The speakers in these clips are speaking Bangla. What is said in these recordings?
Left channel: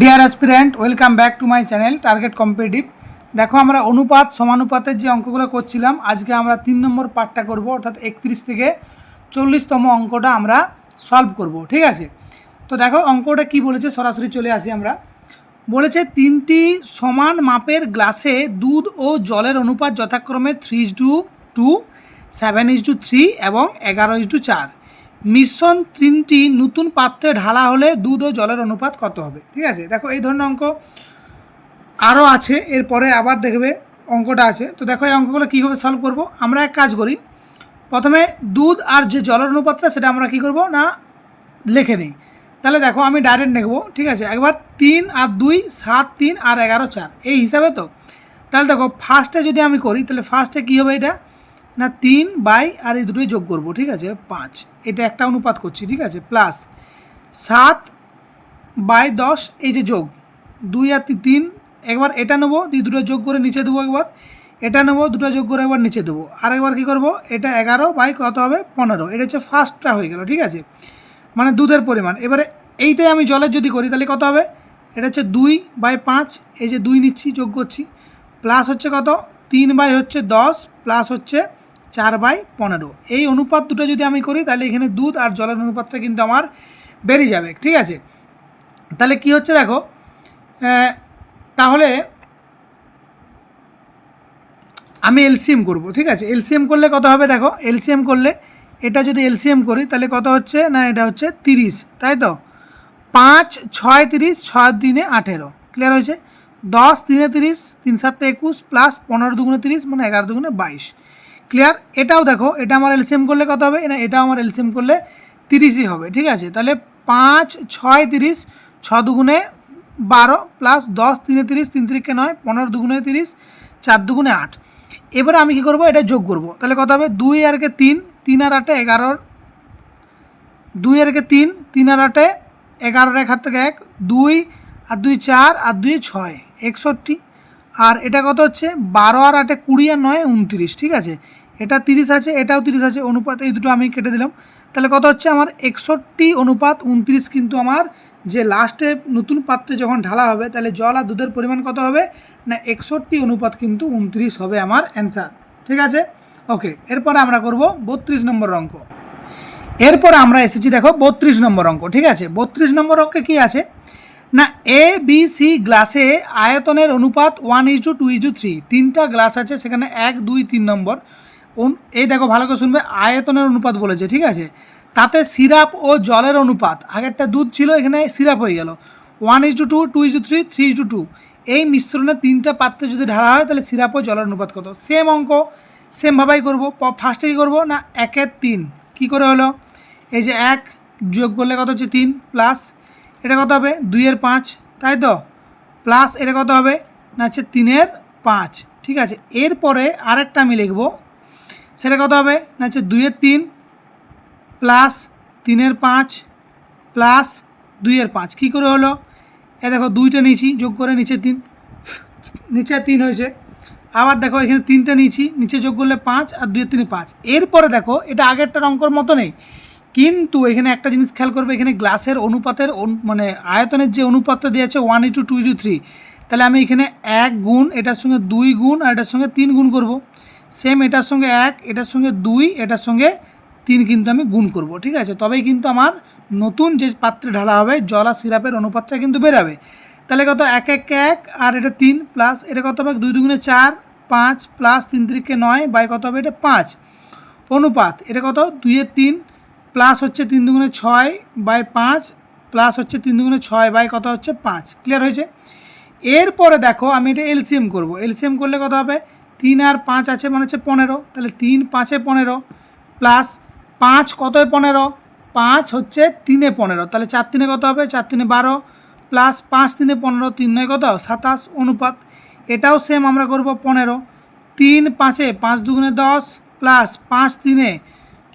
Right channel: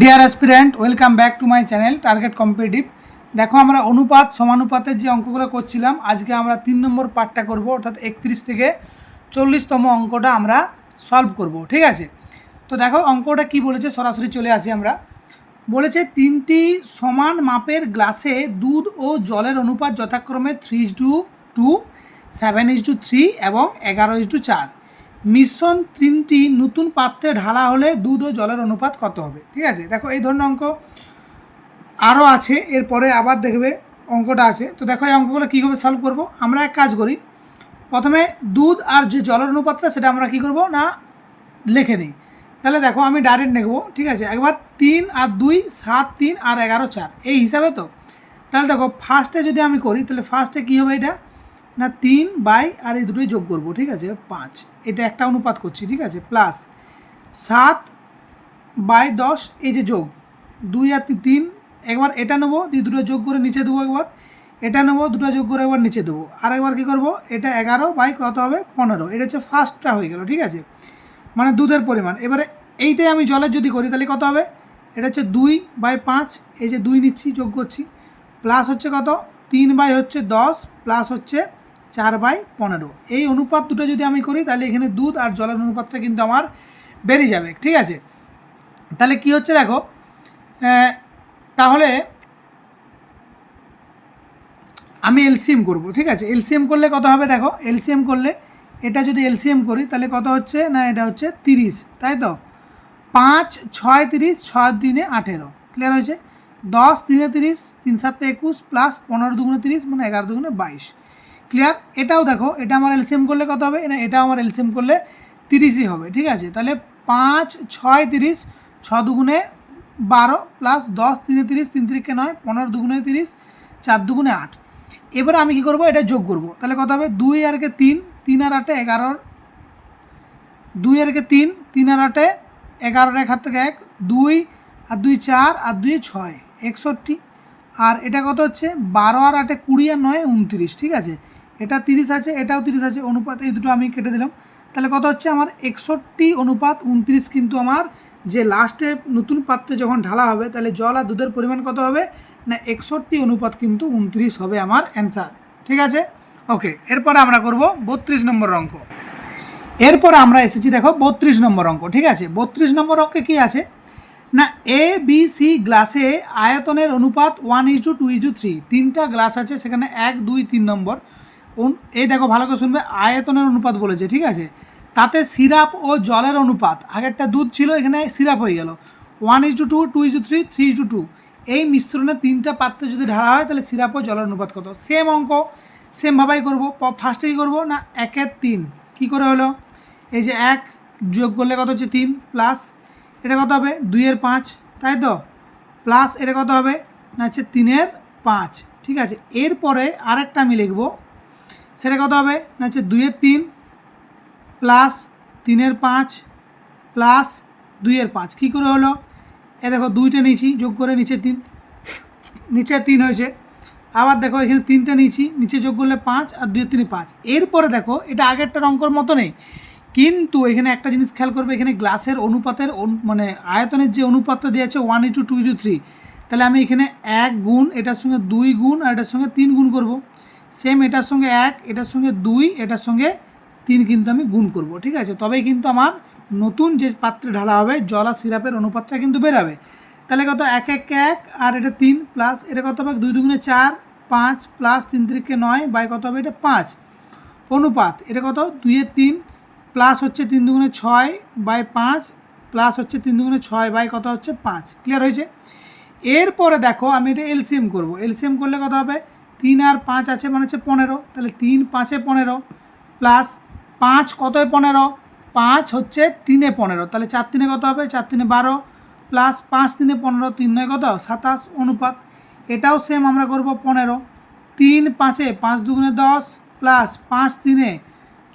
Deer aspirant, welcome back to my channel target competitive. দেখো, আমরা অনুপাত সমানুপাতের যে অঙ্কগুলো করছিলাম, আজকে আমরা 3 নম্বর পার্টটা করব, অর্থাৎ 31 থেকে 40তম অঙ্কটা আমরা সলভ করব। ঠিক আছে, তো দেখো অঙ্কটা কি বলেছে, সরাসরি চলে আসি আমরা। বলেছে 3টি সমান মাপের গ্লাসে দুধ ও জলের অনুপাত যথাক্রমে 3:2, 7:3 এবং 11:4। মিশ্রণ 3টি নতুন পাত্রে ঢালা হলে দুধ ও জলের অনুপাত কত হবে। ঠিক আছে, দেখো এই ধরনের অঙ্ক আরও আছে, এরপরে আবার দেখবে অঙ্কটা আছে। তো দেখো এই অঙ্কগুলো কীভাবে সলভ করব। আমরা এক কাজ করি, প্রথমে দুধ আর যে জলের অনুপাতটা সেটা আমরা কী করব না লিখে নিই। তাহলে দেখো আমি ডাইরেক্ট নেবো। ঠিক আছে, একবার 3 আর 2 7, 3 আর 11 4 এই হিসাবে। তো তাহলে দেখো ফার্স্টে যদি আমি করি, তাহলে ফার্স্টে কী হবে, এটা না 3 বাই আর এই দুটোই যোগ করব। ঠিক আছে, 5, এটা একটা অনুপাত করছি। ঠিক আছে, প্লাস 7/10 এই যে যোগ 2 আর 3, একবার এটা নেবো, দুটো যোগ করে নিচে দেবো, একবার এটা নেবো, দুটো যোগ করে একবার নিচে দেবো, আর একবার কী করবো, এটা 11 বাই কত হবে 15। এটা হচ্ছে ফার্স্টটা হয়ে গেল। ঠিক আছে, মানে দুধের পরিমাণ। এবারে এইটাই আমি জলের যদি করি তাহলে কত হবে, এটা হচ্ছে 2/5, এই যে 2 নিচ্ছি, যোগ করছি, প্লাস হচ্ছে কত 3/10 প্লাস হচ্ছে 4/15। এই অনুপাত দুটো যদি আমি করি তাহলে এখানে দুধ আর জলের অনুপাতটা কিন্তু আমার বেরিয়ে যাবে। ঠিক আছে, তাহলে কি হচ্ছে দেখো, তাহলে আমি এলসিএম করব। ঠিক আছে, এলসিএম করলে কত হবে, দেখো এলসিএম করলে এটা যদি এলসিএম করি তাহলে কত হচ্ছে না, এটা হচ্ছে 30, তাই তো 5 6 30, 6 দিনে 18, ক্লিয়ার হয়েছে। 10 3 30, 3 7 21 প্লাস 15 দুগুণে 30, মানে 11 দুগুণে 22, ক্লিয়ার। এটাও দেখো, এটা আমার এলসিএম করলে কত হবে না, এটাও আমার এলসিএম করলে 30ই হবে। ঠিক আছে, তাহলে 5 6 30, 6 দুগুণে 12 প্লাস 10 3 30, 3 3 9, 15 দুগুণে 30, 4 দুগুণে 8। এবারে আমি কী করবো, এটা যোগ করব। তাহলে কত হবে, 2 আর 3, 3 আর 8 11, 2 আর 3, 3 আর 8 11, 1 হাত থেকে 1, 2 আর 2 4 আর 2 6 61, আর এটা কত হচ্ছে 12 আর 8 20 আর 9 29। ঠিক আছে, এটা 30 আছে, এটাও 30 আছে, অনুপাত এই দুটো আমি কেটে দিলাম। তাহলে কত হচ্ছে আমার 61/29, কিন্তু আমার যে লাস্টে নতুন পাত্রে যখন ঢালা হবে তাহলে জল আর দুধের পরিমাণ কত হবে না 61/29 হবে আমার অ্যান্সার। ঠিক আছে, ওকে। এরপরে আমরা করব 32 নম্বর অঙ্ক। এরপর আমরা এসেছি দেখো 32 নম্বর অঙ্ক। ঠিক আছে, 32 নম্বর অঙ্কে কী আছে না, এ বি সি গ্লাসে আয়তনের অনুপাত 1:2:3, 3টা গ্লাস আছে, সেখানে 1 2 3 নম্বর। এই দেখো ভালো করে শুনবে, আয়তনের অনুপাত বলেছে। ঠিক আছে, তাতে সিরাপ ও জলের অনুপাত, আগেরটা দুধ ছিল, এখানে সিরাপ হয়ে গেল 1:2 2:3 3:2। এই মিশ্রণে 3টা পাত্রে যদি ঢালা হয় তাহলে সিরাপ ও জলের অনুপাত কত। সেম অঙ্ক, সেমভাবেই করবো। ফার্স্টে কী করবো না 1 এর 3, কী করে হলো, এই যে 1 যোগ করলে কত হচ্ছে 3, প্লাস এটা কত হবে 2 এর 5, তাই তো, প্লাস এটা কত হবে না হচ্ছে 3 এর 5। ঠিক আছে, এরপরে আরেকটা আমি লিখব, সেটা কত হবে না হচ্ছে 2 এর 3 প্লাস 3 এর 5 প্লাস 2 এর 5, কী করে হলো, এ দেখো 2টা নিয়েছি, যোগ করে নিচে 3, নিচে 3 হয়েছে। আবার দেখো এখানে 3টা নিয়েছি, নিচে যোগ করলে 5 আর 2 এর 3 5। এরপরে দেখো এটা আগেরটার অঙ্কর মতো নেই, কিন্তু এখানে একটা জিনিস খেয়াল করবে, এখানে গ্লাসের অনুপাতের মানে আয়তনের যে অনুপাতটা দিয়ে আছে 1:2:3, তাহলে আমি এখানে 1 গুণ, এটার সঙ্গে 2 গুণ, আর এটার সঙ্গে 3 গুণ করব। সেম এটার সঙ্গে 1, এটার সঙ্গে 2, এটার সঙ্গে 3 কিন্তু আমি গুণ করব। ঠিক আছে, তবেই কিন্তু আমার নতুন যে পাত্রে ঢালা হবে জল আর সিরাপের অনুপাতটা কিন্তু বেরাবে। তাহলে কত 1 1 1 আর এটা 3 প্লাস এটা কত হবে 2 2 4 5 প্লাস 3 3 9 বাই কত হবে এটা 5, অনুপাত এটা কত 2 এর 3 প্লাস হচ্ছে 3 2 6/5 প্লাস হচ্ছে 3 2 6 বাই কত হচ্ছে 5, ক্লিয়ার হয়েছে। এরপরে দেখো আমি এটা এলসিএম করব। এলসিএম করলে কত হবে, 3 আর 5 আছে মানে হচ্ছে 15, তাহলে 3 5 এ 15 প্লাস 5 কত 15, 5 হচ্ছে 3 এ 15, তাহলে 4 3 কত হবে 4 3 12 প্লাস 5 3 15, 3 9 কত 27, অনুপাত এটাও সেম আমরা করব 15, 3 5 এ 5 2 10 প্লাস 5 3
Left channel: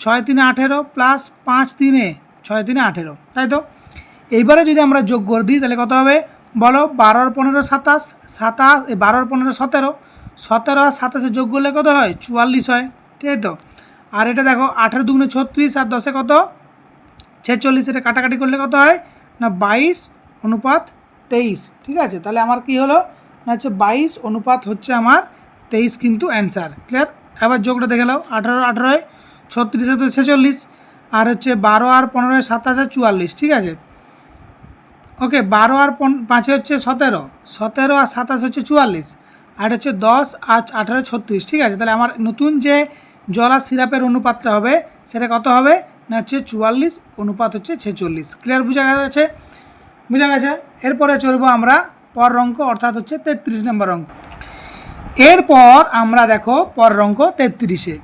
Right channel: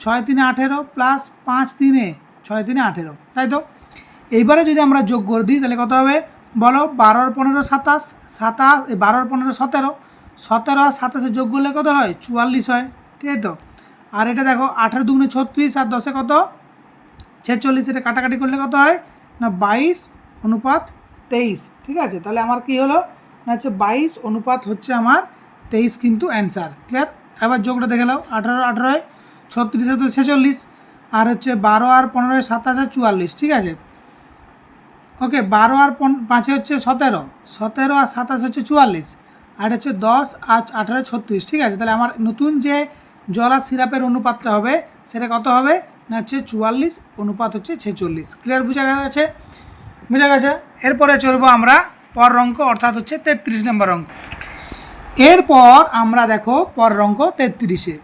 6 3 18 প্লাস 5 3 6 3 18, তাই তো। এইবারে যদি আমরা যোগ করে দিই তাহলে কত হবে বলো, 12 আর 15 27, 12 আর 15 17, 17 আর 27 যোগ করলে কত হয় 44 হয়, ঠিক তো। আর এটা দেখো 18 2 36 আর 10 কত 46, এটা কাটাকাটি করলে কত হয় না 22 অনুপাত 23, ঠিক আছে। তাহলে আমার কি হলো না হচ্ছে 22 অনুপাত হচ্ছে আমার 23 কিন্তু অ্যান্সার। ক্লিয়ার? এবার যোগটা দেখে নাও, 18 18 36 তো 46, আর হচ্ছে 12 আর 15 27 44, ঠিক আছে। ওকে, 12 আর 5 হচ্ছে 17, 17 আর 27 হচ্ছে 44, আর হচ্ছে 10 আর 18 36, ঠিক আছে। তাহলে আমার নতুন যে জল আর সিরাপের অনুপাতটা হবে সেটা কত হবে না হচ্ছে 44 অনুপাত হচ্ছে 46। ক্লিয়ার? বোঝা গেছে? বোঝা গেছে। এরপরে চলবো আমরা পর অঙ্ক, অর্থাৎ হচ্ছে 33 নম্বর অঙ্ক। এরপর আমরা দেখো পর অঙ্ক 33-এ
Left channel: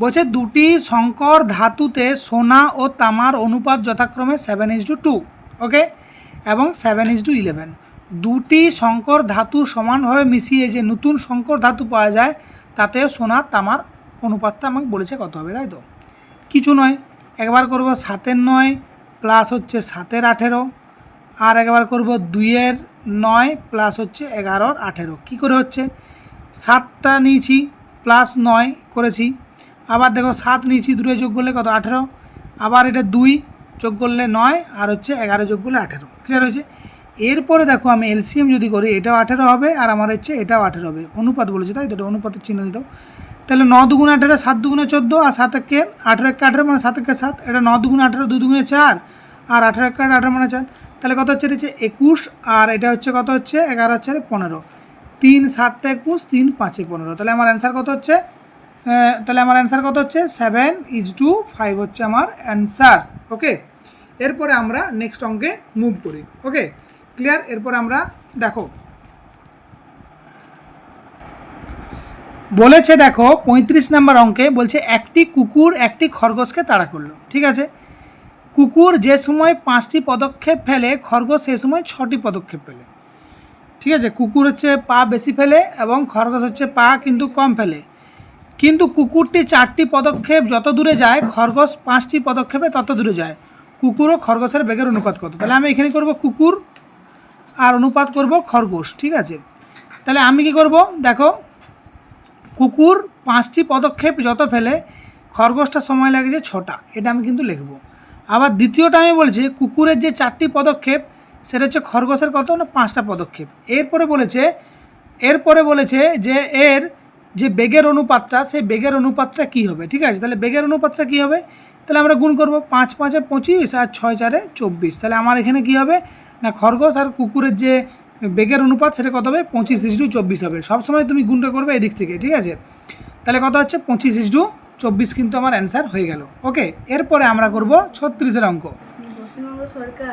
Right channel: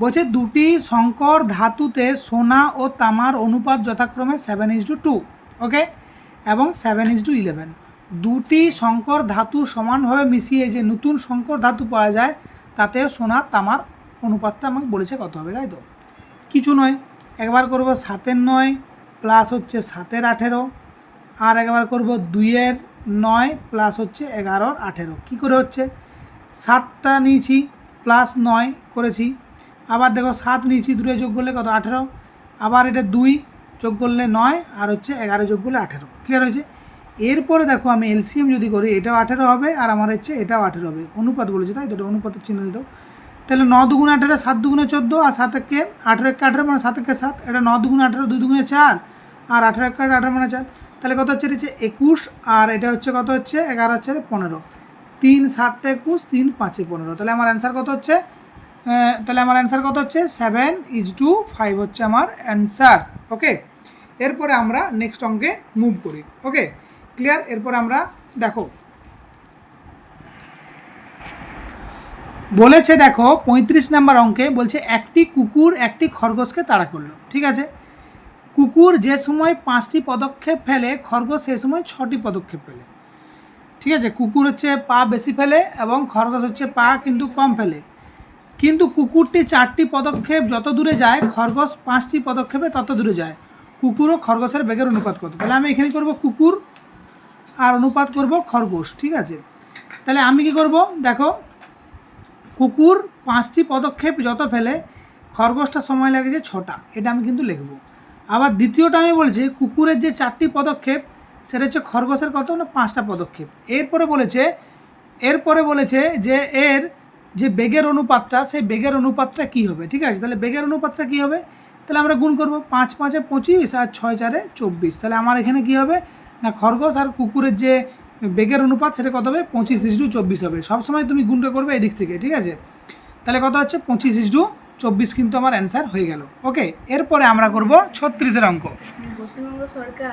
বলছে দুটি সংকর ধাতুতে সোনা ও তামার অনুপাত যথাক্রমে 7:2, ওকে, এবং 7:11। দুটি সংকর ধাতু সমানভাবে মিশিয়ে যে নতুন সংকর ধাতু পাওয়া যায় তাতে সোনা তামার অনুপাতটা আমাকে বলেছে কত হবে, তাই তো? কিছু নয়, একবার করব 7-9 প্লাস হচ্ছে 7-18, আর একবার করব 2-9 প্লাস হচ্ছে 11-18। কী করে হচ্ছে? 7টা নিয়েছি প্লাস 9 করেছি, আবার দেখো 7 নিয়েছি, 2 যোগ করলে কত 18, আবার এটা 2 যোগ করলে 9, আর হচ্ছে 11 যোগ করলে 18। ক্লিয়ার হয়েছে? এরপরে দেখো আমি এলসিএম যদি করি এটাও 18 হবে, আর আমার হচ্ছে এটাও 18 হবে। অনুপাত বলেছে, তাই তো? অনুপাতের চিহ্ন দিত। তাহলে 9 দুগুণে 18, 7 দুগুণে 14, আর 7 একে 18 একে 18 মানে 7 একে 7, এটা 9 দুগুণে 18, 2 দুগুণে 4, আর 18 একে 18 মানে 4। তাহলে কত হচ্ছে? এটা হচ্ছে 21, আর এটা হচ্ছে কত হচ্ছে 11 হচ্ছে 15, 3 7 21, 3 5 15। তাহলে আমার অ্যান্সার কত হচ্ছে? তাহলে আমার অ্যান্সার কত হচ্ছে? 7:5 হচ্ছে আমার অ্যান্সার। ওকে, এরপরে আমরা নেক্সট অঙ্কে মুভ করি। ওকে, ক্লিয়ার? এরপরে আমরা দেখো বলেছে, দেখো 35 নম্বর অঙ্কে বলছে একটি কুকুর একটি খরগোশকে তাড়া করলো, ঠিক আছে। কুকুর যে সময় 5টি পদক্ষেপ ফেলে, খরগোশ সেই সময় 6টি পদক্ষেপ ফেলে, ঠিক আছে। কুকুর হচ্ছে পা বেশি ফেলে এবং খরগোশ হচ্ছে পা কিন্তু কম ফেলে, কিন্তু কুকুরটি 4টি পদক্ষেপ যত দূরে যায়, খরগোশ 5টি পদক্ষেপে তত দূরে যায়। কুকুর ও খরগোশের বেগের অনুপাত কত? তাহলে আমি এখানে করব কুকুর আর অনুপাত করব খরগোশ, ঠিক আছে। তাহলে আমি কি করব দেখো, কুকুর 5টি পদক্ষেপ যত ফেলে, খরগোশটা সময় লাগেছে 6টা, এটা আমি কিন্তু লিখব। আবার দ্বিতীয়টা আমি বলছি কুকুরের যে 4টি পদক্ষেপ সেটা হচ্ছে খরগোশের কত না 5টা পদক্ষেপ। এরপরে বলেছে যে এর যে বেগের অনুপাতটা, সেই বেগের অনুপাতটা কী হবে, ঠিক আছে। তাহলে বেগের অনুপাতটা কী হবে? তাহলে আমরা গুণ করব, 5 5 25 আর 6 4 24। তাহলে আমার এখানে কী হবে না খরগোশ আর কুকুরের যে বেগের অনুপাত সেটা কত হবে? 25:24 হবে। সবসময় তুমি গুণটা করবে এদিক থেকে, ঠিক আছে। তাহলে কত হচ্ছে? 25:24 কিন্তু আমার অ্যান্সার হয়ে গেল। ওকে, এরপরে আমরা করব 36-এর অঙ্ক।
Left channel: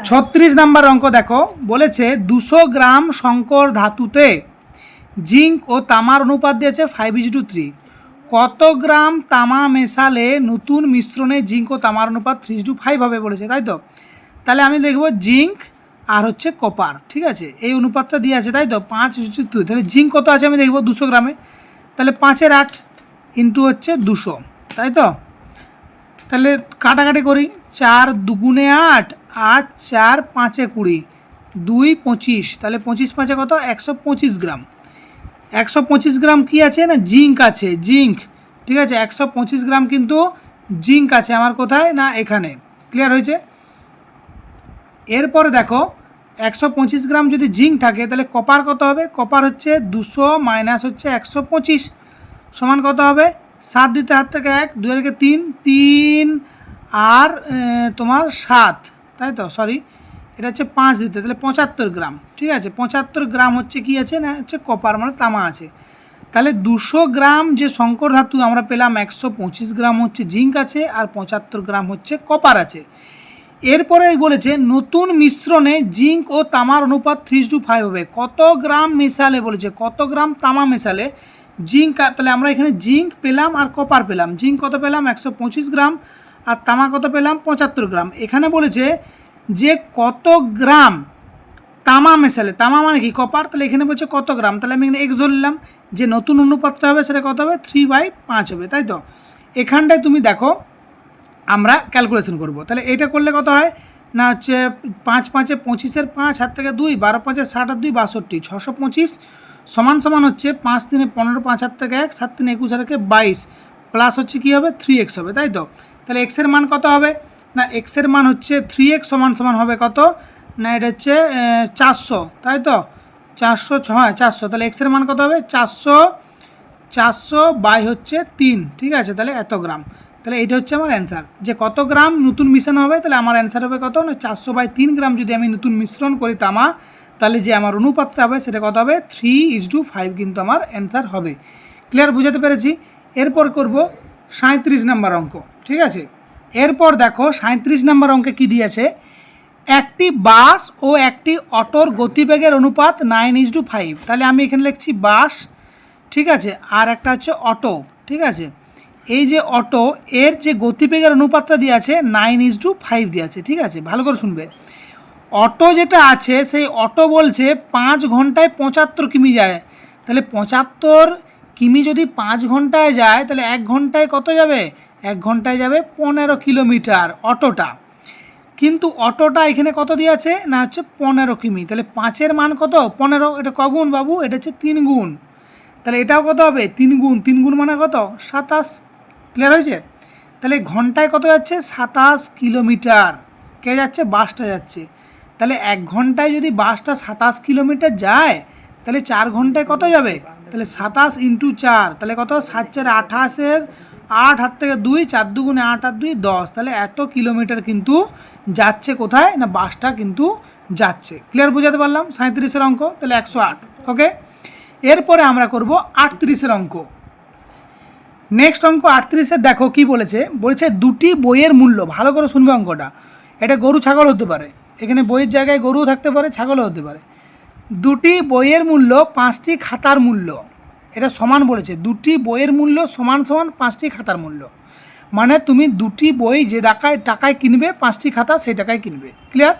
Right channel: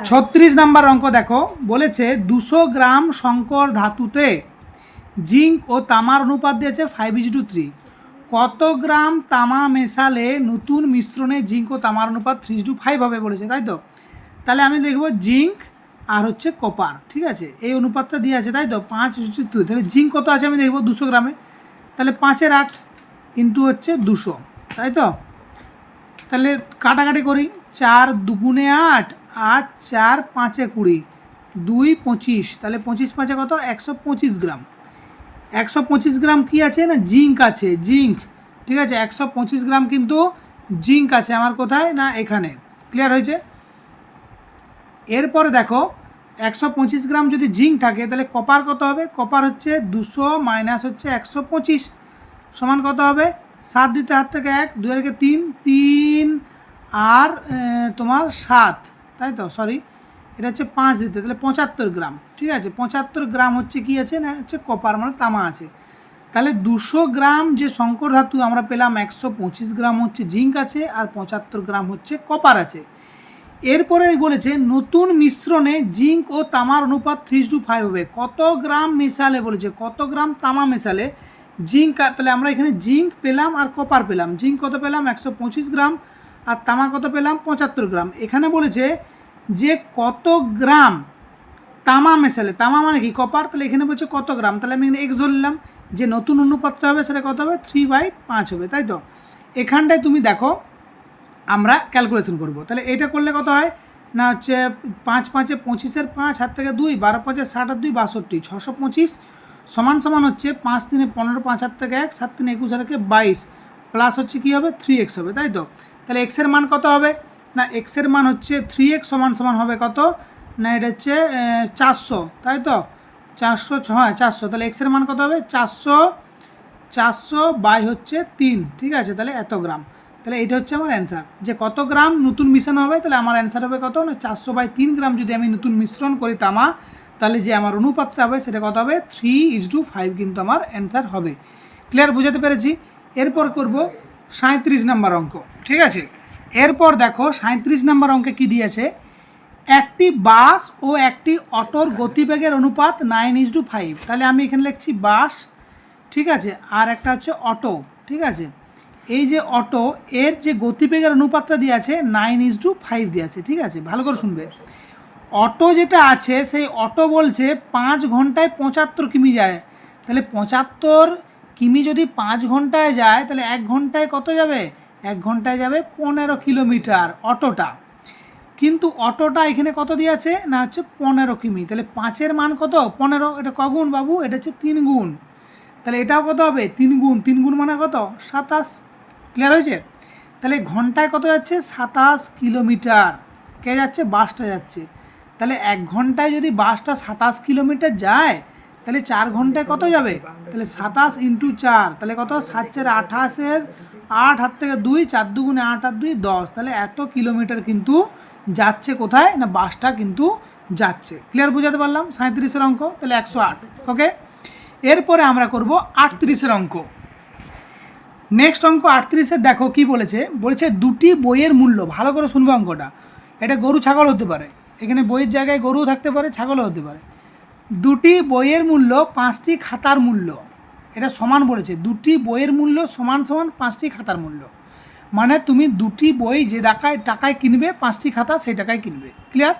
36 নাম্বার অঙ্ক দেখো বলেছে 200 গ্রাম সংকর ধাতুতে জিঙ্ক ও তামার অনুপাত দিয়েছে 5:3। কত গ্রাম তামা মেশালে নতুন মিশ্রণে জিঙ্ক ও তামার অনুপাত 3:5 হবে বলেছে, তাই তো? তাহলে আমি দেখব জিঙ্ক আর হচ্ছে কপার, ঠিক আছে, এই অনুপাতটা দিয়ে আছে, তাই তো? 5:2। তাহলে জিঙ্ক কত আছে আমি দেখব 200 গ্রামে, তাহলে 5-এর 8 ইন্টু হচ্ছে 200, তাই তো? তাহলে কাটাকাটি করি, 4 দুগুণে 8, আর 4 5-এ 20, 2 25। তাহলে 25 5-এ কত? 125 গ্রাম। 125 গ্রাম কি আছে না জিঙ্ক আছে, জিঙ্ক, ঠিক আছে। 125 গ্রাম কিন্তু জিঙ্ক আছে আমার কোথায় না এখানে। ক্লিয়ার হয়েছে? এরপরে দেখো 125 গ্রাম যদি জিঙ্ক থাকে তাহলে কপার কত হবে? কপার হচ্ছে 200 মাইনাস হচ্ছে 125 সমান কত হবে? 7 দিতে হাত থেকে 1, 2 থেকে 3, 3 আর তোমার 7, তাই তো? সরি, এটা হচ্ছে 5 দিতে, তাহলে 75 গ্রাম, ঠিক আছে। 75 গ্রাম হচ্ছে কি আছে না হচ্ছে কপার, মানে তামা আছে। তাহলে 200 গ্রাম যে সংকর ধাতু আমরা পেলাম, 125 গ্রাম হচ্ছে জিঙ্ক আছে আর 75 গ্রাম হচ্ছে কপার আছে। এরপরে বলেছে নতুন মিশ্রণে জিঙ্ক ও তামার অনুপাত 3:5 হবে। কত গ্রাম মেশালে বলেছে, কত গ্রাম তামা মেশালে জিঙ্ক, তাহলে আমরা এখানে জিঙ্ক পেলাম আর কপার পেলাম। জিঙ্ক কত পেলাম? 125 গ্রাম, আর তামা কত পেলাম? 75 গ্রাম। এখানে বলেছে যে কত গ্রাম তামা মেশালে, তামা মানে কি কপার, তাহলে এখানে বলছে কত গ্রাম, তাহলে আমি এখানে এক্স ধরলাম, যে নতুন অনুপাতটা হবে সেটা কত হবে? 3/5 হবে, তাই তো? এখানটায় তুমি দেখো আমরা ক্যালকুলেশন করব। তাহলে এটা করলে কত হয় না হচ্ছে 5 5-এ 25-এর 5, হাত থেকে 2, 12 5-এ 60 আর 2 62, 625 সমান সমান হচ্ছে 5 3-এ 15, 5 হাত থেকে 1, 7 3-এ 21 আর 22 প্লাস হচ্ছে কী হবে? 3x হবে, তাই তো? তাহলে এক্সের মান কত হবে না এক্সের মান হচ্ছে 3x সমান সমান হবে কত না এটা হচ্ছে 400, তাই তো 400, হ্যাঁ 400, তাহলে এক্সের মান কত হবে 400 বাই হচ্ছে 3, ঠিক আছে, তাহলে এত গ্রাম। তাহলে এটা হচ্ছে আমার অ্যান্সার, যে কত গ্রাম নতুন মিশ্রণ হবে। তাহলে আমার অ্যান্সার হবে কত না 400/3 গ্রাম যদি আমি নতুন মিশ্রণ করি তামা, তাহলে যে আমার অনুপাতটা হবে সেটা কত হবে 3:5 কিন্তু আমার অ্যান্সার হবে। ক্লিয়ার, বুঝাতে পেরেছি? এরপর করব 37 নম্বর অঙ্ক, ঠিক আছে। এরপর দেখো 37 নম্বর অঙ্কে কী দিয়েছে, একটি বাস ও একটি অটোর গতিবেগের অনুপাত 9:5। তাহলে আমি এখানে লিখছি বাস, ঠিক আছে, আর একটা হচ্ছে অটো, ঠিক আছে। এই যে অটো, এর যে গতিবেগের অনুপাতটা দিয়ে আছে 9:5 দিয়ে আছে, ঠিক আছে, ভালো করে শুনবে। অটো যেটা আছে সেই অটো বলছে 5 ঘন্টায় 75 কিমি যায়। তাহলে 75 কিমি যদি 5 ঘন্টায় যায়, তাহলে 1 ঘন্টায় কত যাবে? 1 ঘন্টায় যাবে 15 কিলোমিটার অটোটা। কিন্তু অটোটা এখানে কত দিয়ে আছে না হচ্ছে 15 কিমি। তাহলে 5-এর মান কত? 15। এটা কগুণ বাবু? এটা হচ্ছে 3 গুণ। তাহলে এটাও কত হবে? 3 গুণ। 3 গুণ মানে কত? 27। ক্লিয়ার হয়েছে? তাহলে ঘন্টায় কত যাচ্ছে? 27 কিলোমিটার। কে যাচ্ছে? বাসটা যাচ্ছে। তাহলে 1 ঘন্টায় যদি বাসটা 27 কিলোমিটার যায়, তাহলে 4 ঘন্টায় কত যাবে? তাহলে 27 × 4, তাহলে কত? 7 × 4 = 28, 8 হাত থেকে 2, 4 2 8 আর 2 10। তাহলে এত কিলোমিটার কিন্তু যাচ্ছে কোথায় না বাসটা কিন্তু যাচ্ছে। ক্লিয়ার, বুঝাতে পারলাম? 37-এর অঙ্ক, তাহলে 108। ওকে, এরপরে আমরা করব 38-এর অঙ্ক। নেক্সট অঙ্ক 38-এর দেখো কি বলেছে, বলেছে দুটি বইয়ের মূল্য, ভালো করে শুনবে অঙ্কটা। এটা গরু ছাগল হতে পারে, এখানে বইয়ের জায়গায় গরুও থাকতে পারে, ছাগলও হতে পারে। দুটি বইয়ের মূল্য 5টি খাতার মূল্য, এটা সমান বলেছে। দুটি বইয়ের মূল্য সমান সমান 5টি খাতার মূল্য, মানে তুমি দুটি বই যে টাকায় কিনবে 5টি খাতা সেই টাকায় কিনবে। ক্লিয়ার?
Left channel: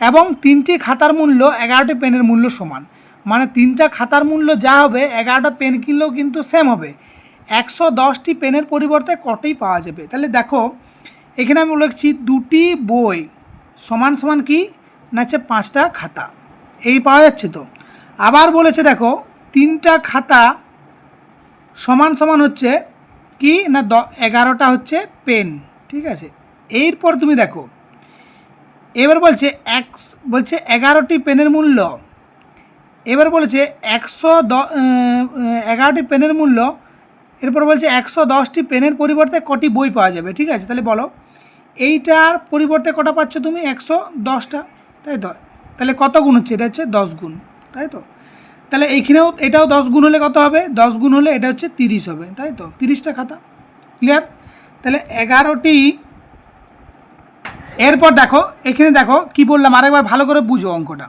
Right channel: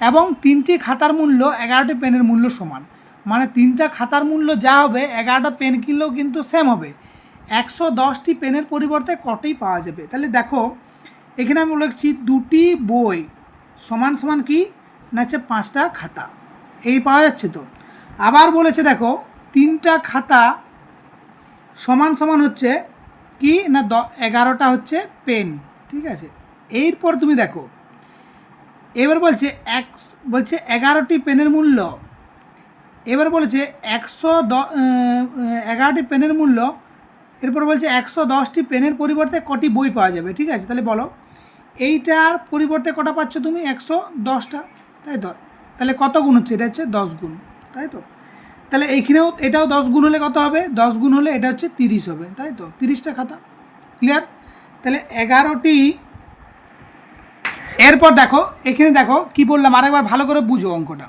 এবং 3টি খাতার মূল্য 11টি পেনের মূল্য সমান, মানে 3টা খাতার মূল্য যা হবে 11টা পেন কিনলেও কিন্তু সেম হবে। 110টি পেনের পরিবর্তে কটি পাওয়া যাবে? তাহলে দেখো এখানে আমি লিখছি দুটি বই সমান সমান কি না হচ্ছে 5টা খাতা, এই পাওয়া যাচ্ছে তো। আবার বলেছে দেখো 3টা খাতা সমান সমান হচ্ছে কি না 11টা হচ্ছে পেন, ঠিক আছে। এরপর তুমি দেখো এবার বলছে 11টি পেনের মূল্য, এবার বলেছে 11টি পেনের মূল্য, এরপর বলছে 110টি পেনের পরিবর্তে কটি বই পাওয়া যাবে, ঠিক আছে। তাহলে বলো এইটার পরিবর্তে কটা পাচ্ছ তুমি? 110টা, তাই তো। তাহলে কত গুণ হচ্ছে? এটা হচ্ছে 10 গুণ, তাই তো। তাহলে এইখানেও এটাও 10 গুণ হলে কত হবে? 10 গুণ হলে এটা হচ্ছে 30 হবে, তাই তো, 30টা খাতা। ক্লিয়ার? তাহলে 11টি। এরপর দেখো এখানে দেখো কি বললাম, আরেকবার ভালো করে বুঝো অঙ্কটা,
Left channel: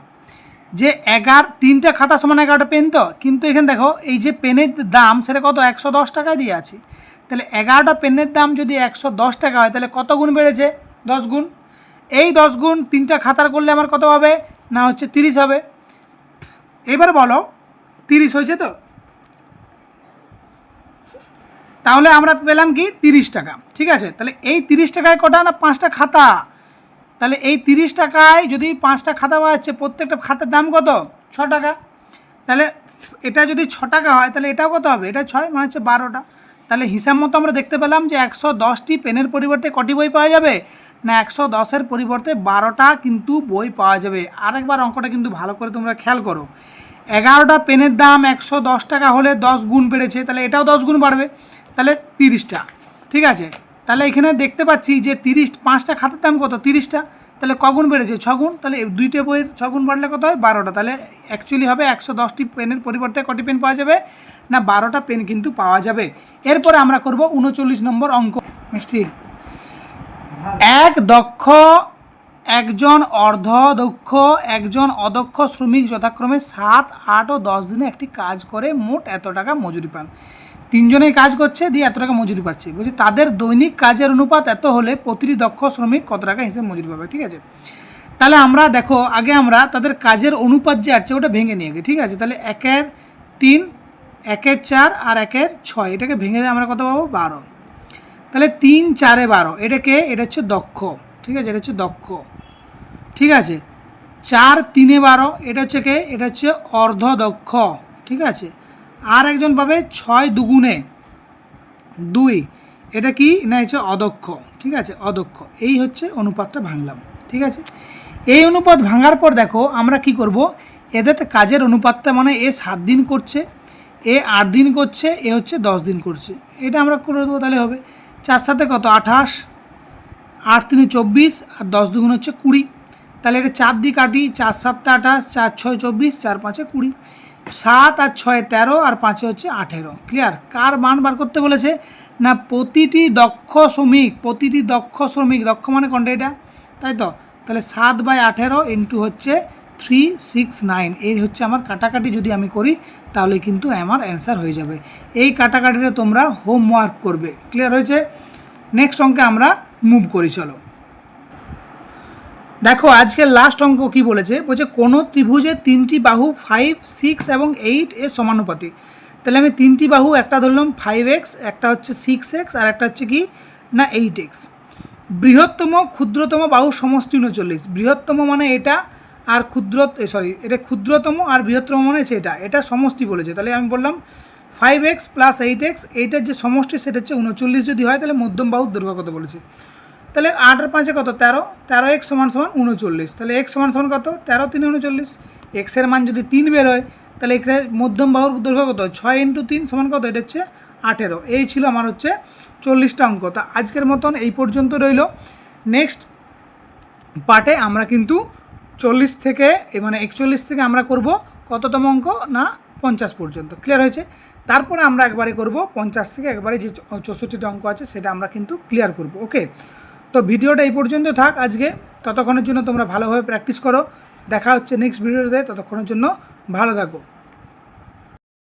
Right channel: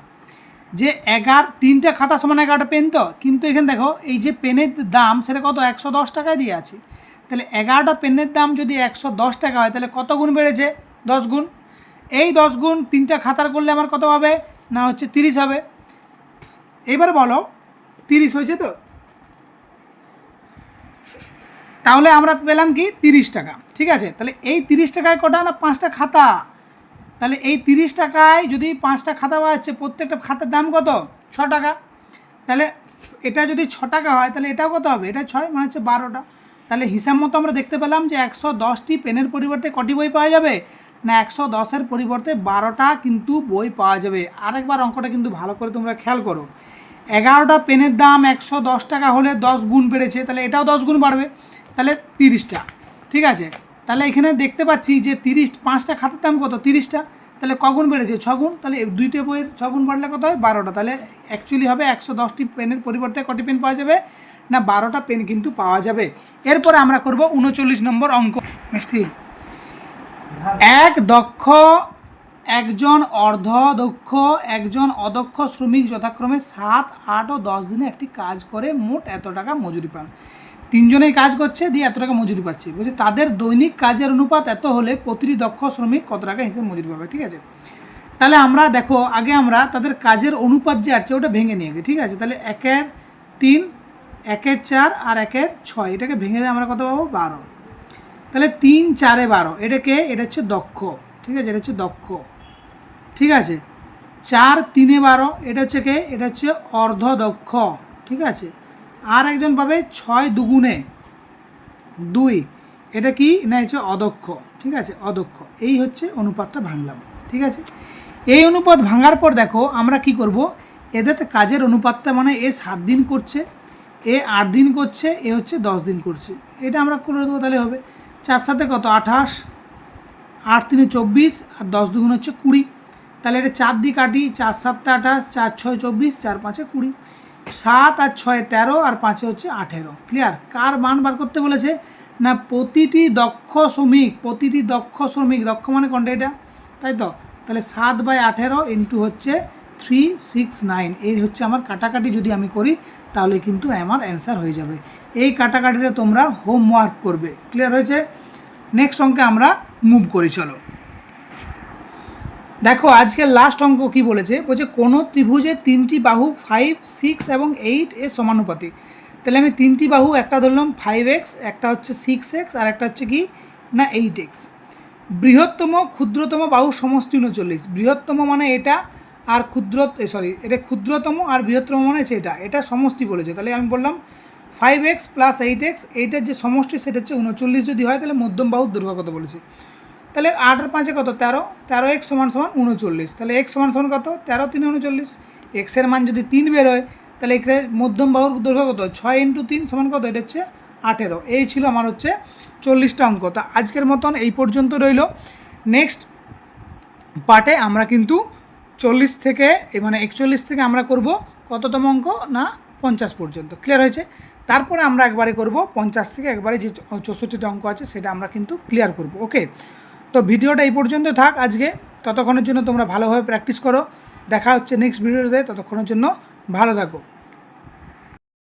যে 3টা খাতা সমান 11টা পেন তো, কিন্তু এখানে দেখো এই যে পেনের দাম সেটা কত? 110 টাকায় দিয়ে আছে। তাহলে 11টা পেনের দাম যদি 110 টাকা হয়, তাহলে কত গুণ বেড়েছে? 10 গুণ। এই 10 গুণ 3টা খাতার করলে আমার কত হবে না হচ্ছে 30 হবে। এবার বলো 30 হয়েছে তো? তাহলে আমরা পেলাম কি 30 টাকা, ঠিক আছে। তাহলে এই 30 টাকায় কটা না 5টা খাতা, তাহলে এই 30 টাকায় যদি 5টা খাতা পাওয়া যাচ্ছে, প্রত্যেকটা খাতার দাম কত? 6 টাকা। তাহলে এটা যদি 6 টাকা হয়, তাহলে এটাও কত হবে? এটা 6 মানে হচ্ছে 12টা। তাহলে হিসাব মতো আমরা দেখতে পেলাম যে 110টি পেনের পরিবর্তে কটি বই পাওয়া যাবে না 110-এর পরিবর্তে 12টা কিন্তু বই পাওয়া যাবে। আরেকবার অঙ্কটা কিন্তু ভালো করে তোমরা খেয়াল করো, 11টা পেনের দাম 110 টাকা হলে 10 গুণ বেড়েছে, তাহলে এটাও 10 গুণ বাড়বে, তাহলে 30টা, ঠিক আছে। তাহলে এখানে দেখতে পাচ্ছি যে 5টা খাতার দাম কত? 30টা, তাহলে কগুণ বেড়েছে? 6 গুণ। তাহলে 2টে বইয়ের 6 গুণ বাড়লে কত হয়? 12টা। তাহলে অ্যাকচুয়ালি হবে 110টি পেনের পরিবর্তে কটি পেন পাওয়া যাবে না 12টা পেন কিন্তু পাওয়া যাবে। এরপরে আমরা করব 39 নম্বর অঙ্ক। মিষ্টি, এক দক্ষ, একজন অর্ধদক্ষ, একজন অদক্ষ শ্রমিক যথাক্রমে 7, 8 ও 10 দিনে একটি কাজ করে মোট এত টাকা মজুরি পান। 3জনেই কাজ করছে, দিয়ে এত টাকা মজুরি পাচ্ছে। বলছে তাদের দৈনিক কাজের অনুপাত এত হলে প্রতিটি দক্ষ শ্রমিক কত টাকা হিসেবে মজুরি পাবে, ঠিক আছে। তাহলে আমরা দেখো আগে আমরা তাদের কাজের অনুপাত যে আছে ওটা ভেঙে নিয়ে গিয়ে, ঠিক আছে। তাহলে 1-এর 3, 1-এর 4 আর 1-এর 6, এটাকে ভেঙে আমরা কত পাবো? 12। তাহলে 3, 4-এ 12, এটাকে এটা হচ্ছে দক্ষ, ঠিক আছে, এটা হচ্ছে দক্ষ, ঠিক আছে। 4, 3-এ 12, এটা হচ্ছে কে? এটা হচ্ছে অর্ধদক্ষ, ঠিক আছে। আর একজন পাবে 6 2 2, এটা কি না হচ্ছে অদক্ষ, ঠিক আছে, অদক্ষ। এই হচ্ছে অনুপাতটা ভাঙলাম, ঠিক আছে। এই অনুপাত ভাঙার পর দেখো আমরা কি করব, এদের কাজের অনুপাতটা মানে এ 7 দিন করছে, এ 8 দিন করছে, এ হচ্ছে 10 দিন করছে, এটা আমরা করে দেবো, তাহলে হবে 4 সাথে কত 28, 8 3 24 আর 10 দুগুণ হচ্ছে 20, তাহলে এটা 4 দিয়ে কাটি, 4 7 28, 4 6 24, 4 5 20, 7 আর 6 13 আর 5 হচ্ছে 18। ক্লিয়ার? কার মান বার করতে বলেছে না প্রতিটি দক্ষ শ্রমিক, দক্ষ মানে কোনটা এটা, তাই তো? তাহলে 7/18 ইন্টু হচ্ছে 369, এই হচ্ছে আমার কাটাকাটি যদি আমি করি তাহলে কিন্তু আমার অ্যান্সার হয়ে যাবে। এই কাটাকাটিটা তোমরা হোমওয়ার্ক করবে। ক্লিয়ার হয়েছে? নেক্সট অঙ্কে আমরা মুভ করি, চলো। দেখো আজকের লাস্ট অঙ্ক কি বলেছে, বলছে কোনো ত্রিভুজের 3টি বাহু 5, 6 এবং 8 এর সমানুপাতিক। তাহলে আমি 3টি বাহু, একটা ধরলাম 5x, একটা হচ্ছে 6x আর একটা হচ্ছে কি না 8x। বৃহত্তম ক্ষুদ্রতম বাহুর সমষ্টি 39। বৃহত্তম মানে এটা, আর এটা ক্ষুদ্রতম আর বৃহত্তম মানে হচ্ছে এটা সমষ্টি বলেছে। তাহলে আমি বললাম 5x প্লাস 8x, এইটার যে সমষ্টি সেটা হচ্ছে 39 যদি হয়, তাহলে মধ্যম বাহুর দৈর্ঘ্য কত বলেছে। তাহলে 8 আর 5 কত 13, 13x সমান 39। তাহলে x সমান কত 13 3 39, এক্সের মান যদি 3 বেরোয় তাহলে এখানে মধ্যম বাহুর দৈর্ঘ্য কত 6 × 3 সমান কত, এটা হচ্ছে 18। এই ছিল আমার হচ্ছে 40টা অঙ্ক। তা আজকের মতন এই পর্যন্ত রইল। নেক্সট পার্টে আমরা কিন্তু 40 থেকে মানে 41 থেকে আমরা করব কততম অঙ্ক না 50 পর্যন্ত। ক্লিয়ার হয়েছে? তারপরে আমরা একবারে করব 50 থেকে একবারে যে 64টা অঙ্ক আছে সেটা আমরা কিন্তু ক্লিয়ার করব। ওকে, তো ভিডিওটা এই পর্যন্ত থাক আজকে। ততক্ষণের জন্য তোমরা ভালোভাবে প্র্যাকটিস করো। দেখা হচ্ছে নেক্সট ভিডিওতে, ততক্ষণের জন্য ভালো থাকো।